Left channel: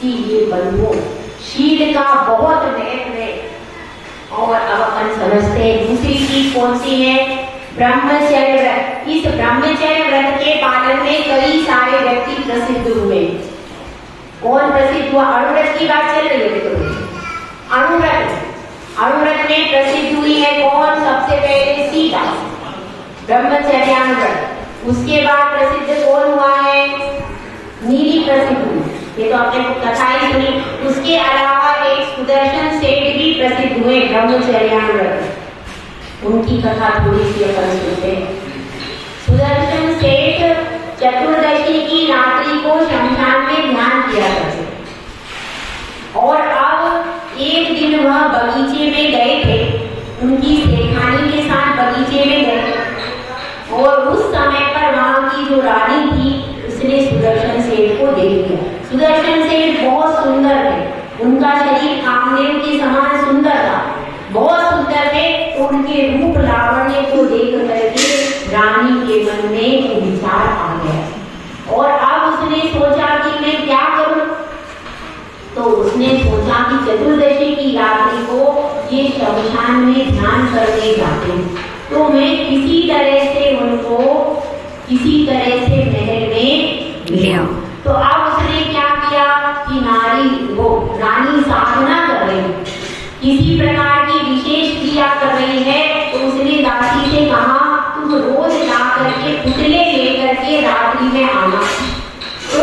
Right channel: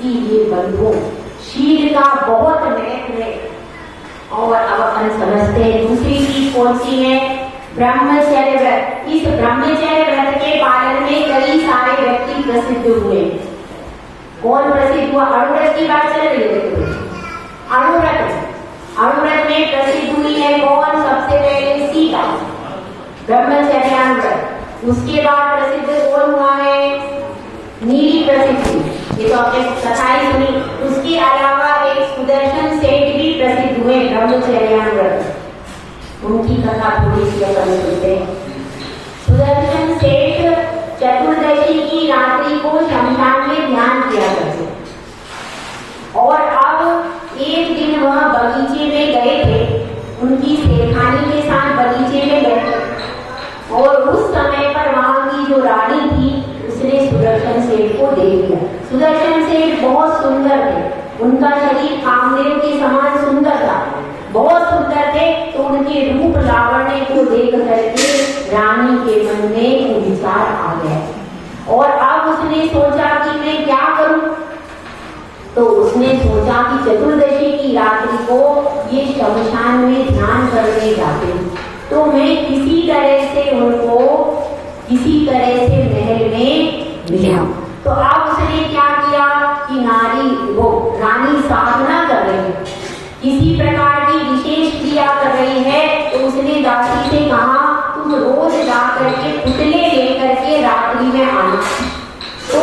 इसीलिए बंधुओं शील का बहुत महत्व है। और अब अपन समझते हैं दूसरी चीज कौन सी है, ब्रह्मचर्य व्रत। इस ब्रह्मचर्य व्रत के पालन में कई सारे व्यक्ति प्रसिद्ध हुए। कौन प्रसिद्ध हुआ? अणुव्रत की बात चल रही है तो अणुव्रत में प्रसिद्ध हुई है कौन? सबसे पहले सीता, ब्रह्मचर्यानुव्रत। उसके बाद प्रसिद्ध कौन हुआ है? नीली प्रसिद्ध हुई, ये तो आपने कथा ही सुनी। उसके अलावा एक सुदर्शन सेठ भी प्रसिद्ध हुए ब्रह्मचर्यानुव्रत, उनकी कथा थोड़ी सी अपन सुनते हैं। सुदर्शन सेठ चतुर्दशी की रात्रि को शमशान में ध्यान किया करते और अब एक दिन वह बगीचे में गए थे, उनकी सेठानी के साथ बगीचे में गए और उस समय पर वहां की जो रानी थी उसने सुदर्शन सेठ को देख लिया। सुदर्शन सेठ बहुत सुंदर थे, उनका शरीर कामदेव के समान सुंदर था, बहुत सुंदर थे। तो उनके रूप लावण्य को देख करके रानी के मन में विचार आ गया और अब उसने सोचा कि मैं क्या करूं। तो उसने सोचा कि चतुर्दशी की रात्रि को ये शमशान में ध्यान करने जाते हैं, तो मैं किसी तरह से उनको किसी तरह से महल में ले आऊं। तो अब उसने क्या किया कि रानी साधना कर रही है, किसी प्रकार की विशेष क्रिया कर रही है। तो उसने दासी से कहा तुम रोज जा करके पुतले लेकर के रात्रि में आना। तो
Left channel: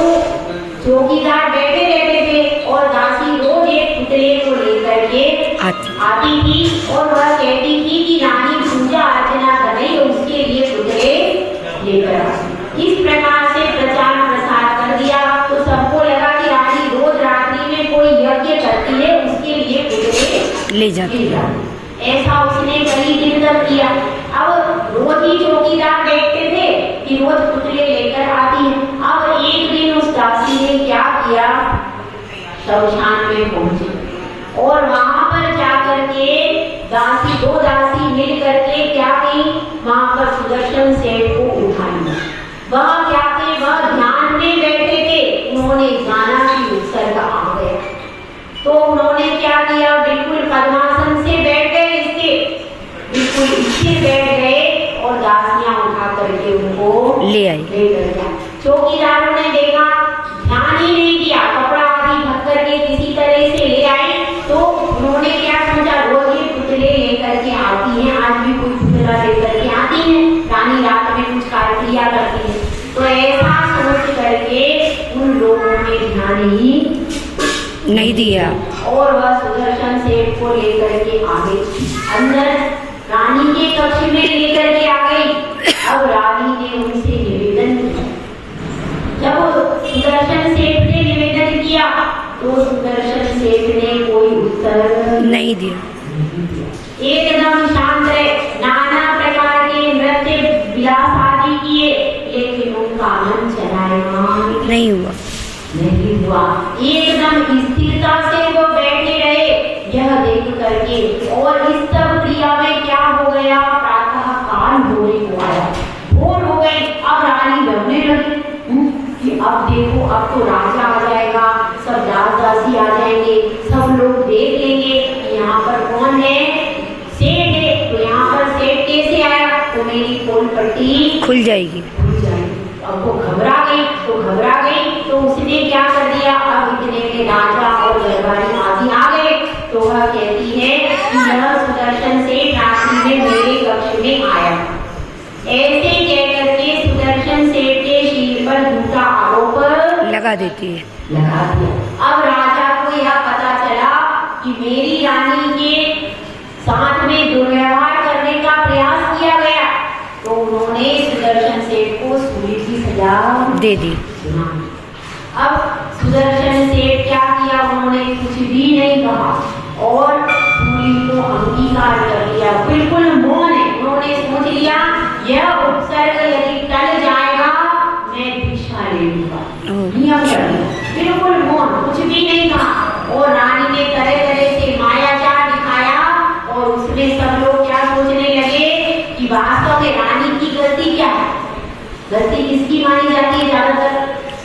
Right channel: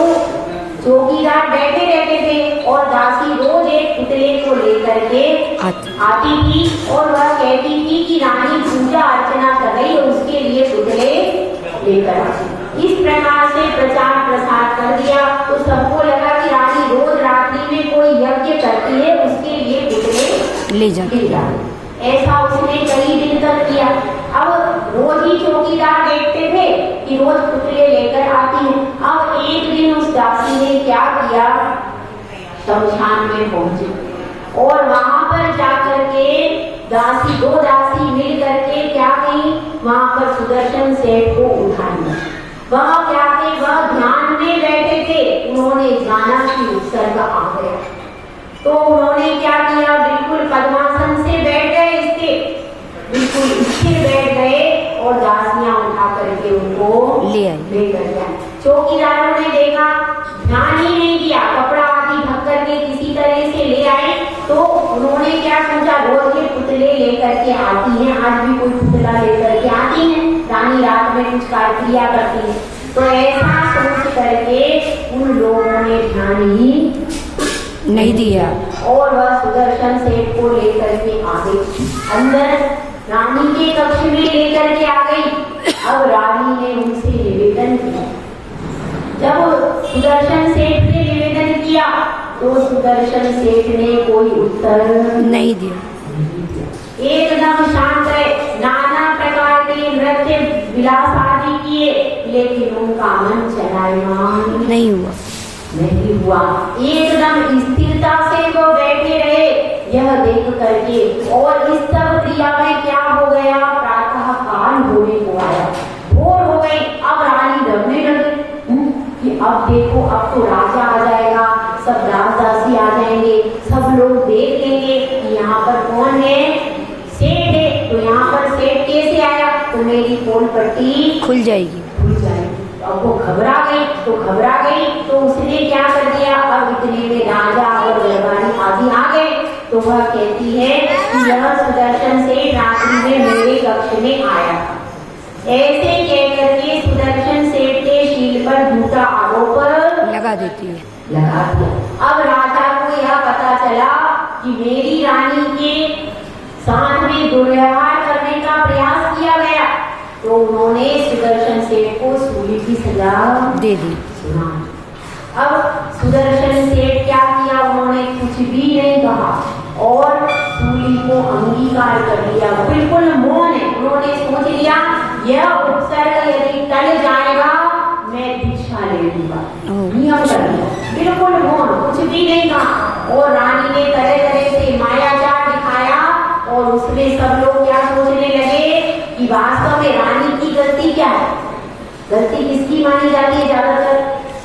चौकीदार बैठे रहते थे और दासी रोज एक पुतले को लेकर के आती थी और वह कहती थी कि रानी पूजा अर्चना कर रही है, उसके लिए पुतले लेकर आती। इस प्रकार से प्रचार प्रसार कर दिया तो सबको लगा कि रानी रोज रात्रि में कोई यज्ञ करती है, उसके लिए पुतले ले जाती है। ऐसा उसने कई दिन तक किया। अब रोज ही चौकीदार देखते थे कि रोज पुतले लेकर आती है। अब एक दिन उस दासी ने क्या किया, शमशान में पहुंचे और वहां पर जाकर के दो दासी मिल करके क्या की, वहां पर सुदर्शन सेठ को उठा लिया। वह क्या थे, वह ध्यान में बैठे थे। उन्होंने जाना कि उत्सर्ग आ गया, तो उन्होंने क्या किया, बिल्कुल पद्मासन से बैठ गए, इसके बिल्कुल इससे बैठ गए और दासियां उठा करके उनको ले गया। चौकीदारों ने देखा, ध्यान ही नहीं दिया, कपड़ा आदि ढक करके किसी तरह से ले आए। तो उन्होंने क्या सोचा, रोज ये पुतले लेकर के आती हैं, आज भी कोई पुतला लेकर के आती है, रानी रात में कुछ क्रिया करती है। तो ऐसा सोच करके उन लोगों ने ध्यान ही नहीं दिया और वह सुदर्शन सेठ को लेकर के आ गई, अंदर रानी के कक्ष में लेकर के आ गई। अब रानी ने उनसे निवेदन किया। जब सुदर्शन सेठ ने निवेदन किया तो सुदर्शन सेठ ने कोई उत्तर नहीं दिया, एकदम शांत रहे। नाना प्रकार के नृत्य विलास आदि किए, लेकिन उनका मन चलायमान नहीं हुआ। एकदम स्थिरता से वो बैठे रहे, यह देख करके। और इस सब क्रिया में क्या हो गया, प्रातः काल होने को आया, भोर हो गई। अब रानी डरने लगी कि अब देखो, अब तो राजा आ जाएगा, सब राजदासी आ जाएंगे, सब लोग देख लेंगे कि यहाँ पर कौन है, सेठ है। तो यहाँ पर सेठ कैसे आया, तो मेरी पोल पट्टी खुल जाएगी। अब वो घबरा गई। तो उसने क्या कर दिया, अब इतने में राजा और दरबारी आदि आ गए। तो वह कहती है कि यह सुदर्शन सेठ रात्रि में मेरे कक्ष में आया। ऐसे कह करके सुदर्शन सेठ के शील पर झूठा आरोप लगा देती है, लगा दिया। अब राजा को यह पता चला कि मेरी रानी के साथ में दुर्व्यवहार करने का प्रयास किया गया। तो उन्होंने सुदर्शन सेठ को सूली की सजा दे दी। अब सुदर्शन सेठ क्या किया, उन्होंने कुछ भी नहीं कहा और सूली को अंगीकार कर लिया, बिल्कुल मौन है। उन्होंने सोच लिया यह उपसर्ग यदि टल जाएगा मैं भिक्षा ले लूंगा, नियम कर लिया, बिल्कुल मौन, कुछ भी नहीं कहा। और रानी ने तरह तरह से मायाजाल दिखाया और उसमें सब लोग क्या सोचने लगे कि वास्तव में रानी की गलती क्या है। गलती किसकी मानी जाती है, ज्यादातर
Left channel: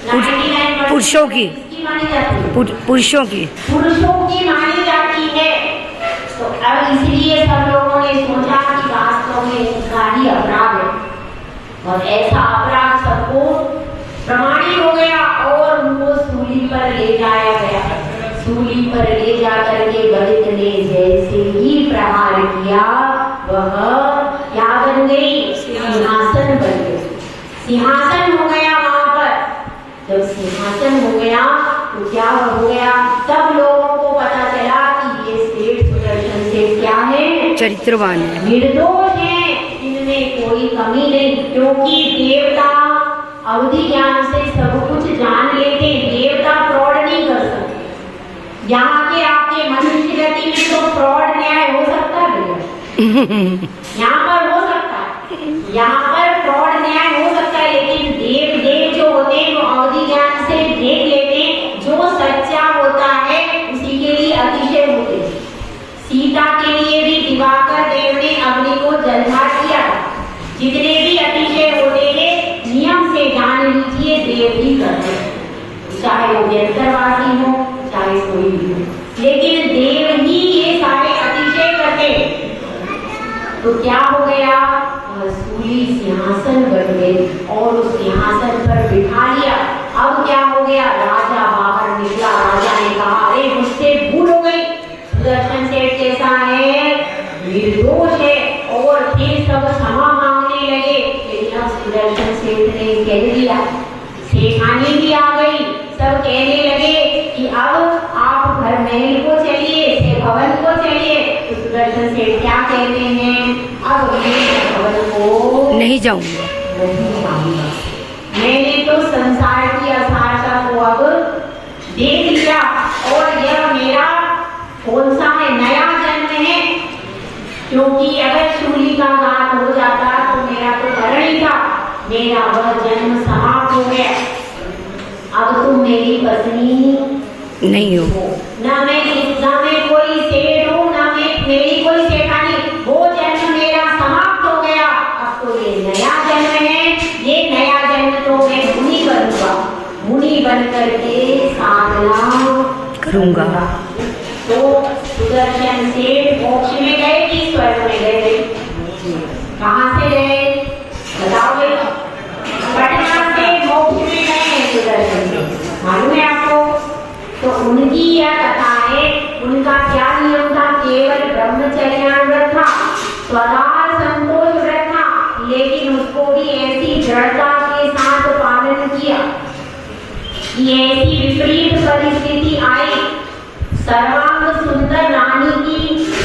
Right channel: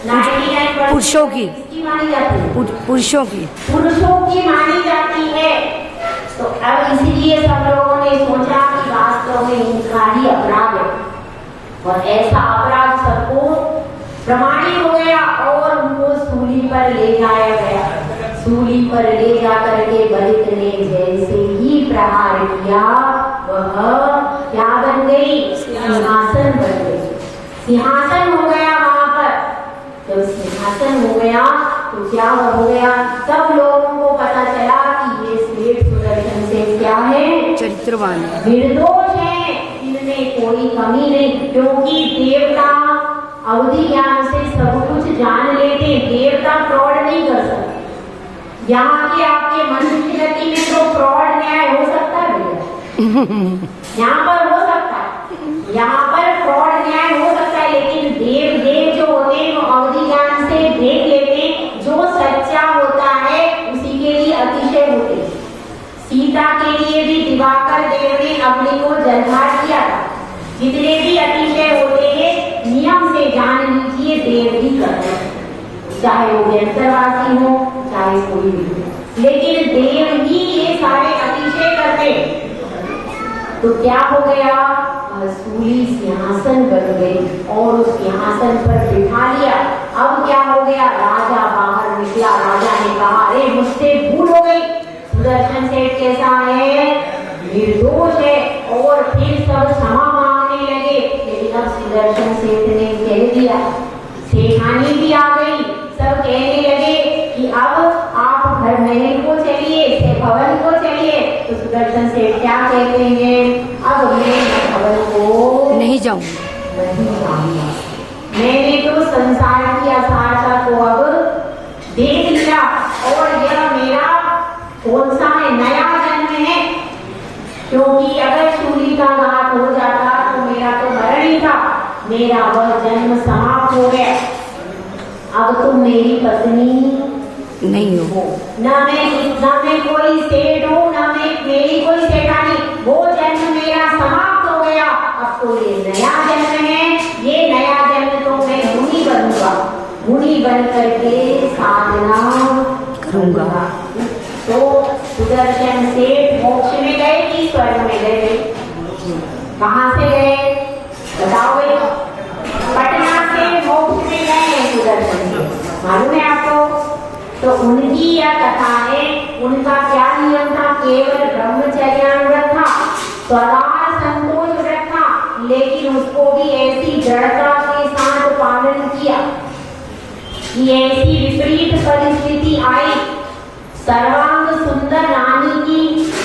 99% पुरुषों की किसकी मानी मानी जाती है? पुरुषों की मानी जाती है। तो अब इसलिए सब लोगों ने सोचा कि वास्तव में इनका ही अपराध है, और ऐसा अपराध सबको प्रमाणित हो गया और उनको सूली पर ले जाया गया। सूली पर ले जाकर के गणित ने जैसे ही प्रहार किया, वह क्या बन गई? सिंहासन बन गई। सिंहासन हो गया वहां पर। जब सिंहासन हो गया तो क्या हो गया? सब लोगों को पता चला कि ये सेठ सुदर्शन सेठ क्या है? चरित्रवान है, निर्दोष है, इनमें कोई कमी नहीं। क्योंकि देवता अवधि ज्ञान से सब कुछ जान लेते, देवता फ्रॉड नहीं कर सकते। यहाँ के आपके मनुष्य गति में तो फ्रॉड न्याय हो सकता है भैया, यहाँ पर हो सकता है, यहाँ पर फ्रॉड न्याय हो सकता है, लेकिन देव जो होते हैं वो अवधि ज्ञान से देख लेते हैं, जो सच्चा होता है उसी के लिए अतिशय होते हैं। सीता के लिए भी दिवाकर देव ने अग्नि को जलधार किया था। जितने भी अतिशय होते हैं नियम से जान लीजिए देव भी करते हैं, चाहे वो व्यंतरवासी हो चाहे कोई भी हो, लेकिन देव ही ये सारे अतिशय करते। तो क्या हो गया? सूली सिंहासन बन गई और उस सिंहासन पर बिठा लिया। अब क्या हो गया? राजा बाहर निकला। राजा ने कहा, अरे मुझसे भूल हो गई, सुदर्शन सेठ कैसा है? निर्दोष है। और फिर सब क्षमा मांगने लगे, लेकिन अब सुदर्शन सेठ ने कह दिया, सेठानी भी आ गई, सब कहने लगे कि अब आप घर महल को चलिए, भवन को चलिए। तो सुदर्शन सेठ क्या कहते हैं? अब मैं भवन को नहीं जाऊंगा, मैंने तो संसार की असारता को अब देख लिया, और यह मेरा कौन सा है? नया जन्म है। क्योंकि अगर शूली का घात हो जाता तो मेरा तो मरण ही था, मेरा वह जन्म समाप्त हो गया। अब तुम मेरी पत्नी नहीं हो, ना मैं कोई सेठ हूँ, ना मैं मेरी कोई सेठानी, वो जन्म मेरा समाप्त हो गया। अब तो ये नया जन्म है, ये नया जन्म तो मैं मुनि करूंगा, मुनि बन करके साधना करूंगा। तो सुदर्शन सेठ मोक्ष में गए कि स्वर्ग में गए? कहाँ से गए बताओ भाई? पटना से मोक्ष में गए सुदर्शन सेठ, मालूम है आपको? तो उनकी यह कथा है। उनका क्या नियम था? केवल ब्रह्मचर्यानुव्रत था, स्वदार संतोष व्रत था, लेकिन उसको भी ऐसी दृढ़ता के साथ पालन किया कि ऐसी विपरीत परिस्थिति आई, सर्वांग सुंदर रानी की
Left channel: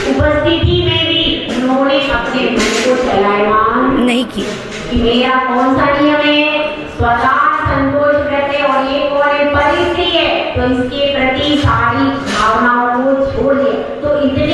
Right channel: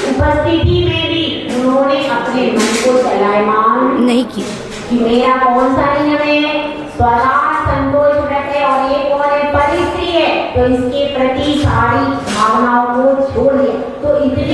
उपस्थिति में भी उन्होंने अपने मन को चलायमान नहीं किया कि मेरा कौन सा नियम है? स्वदार संतोष व्रत है, और ये कौन है? परिस्थिति है। तो इसके प्रति सारी भावनाओं को छोड़ दिया। तो इतने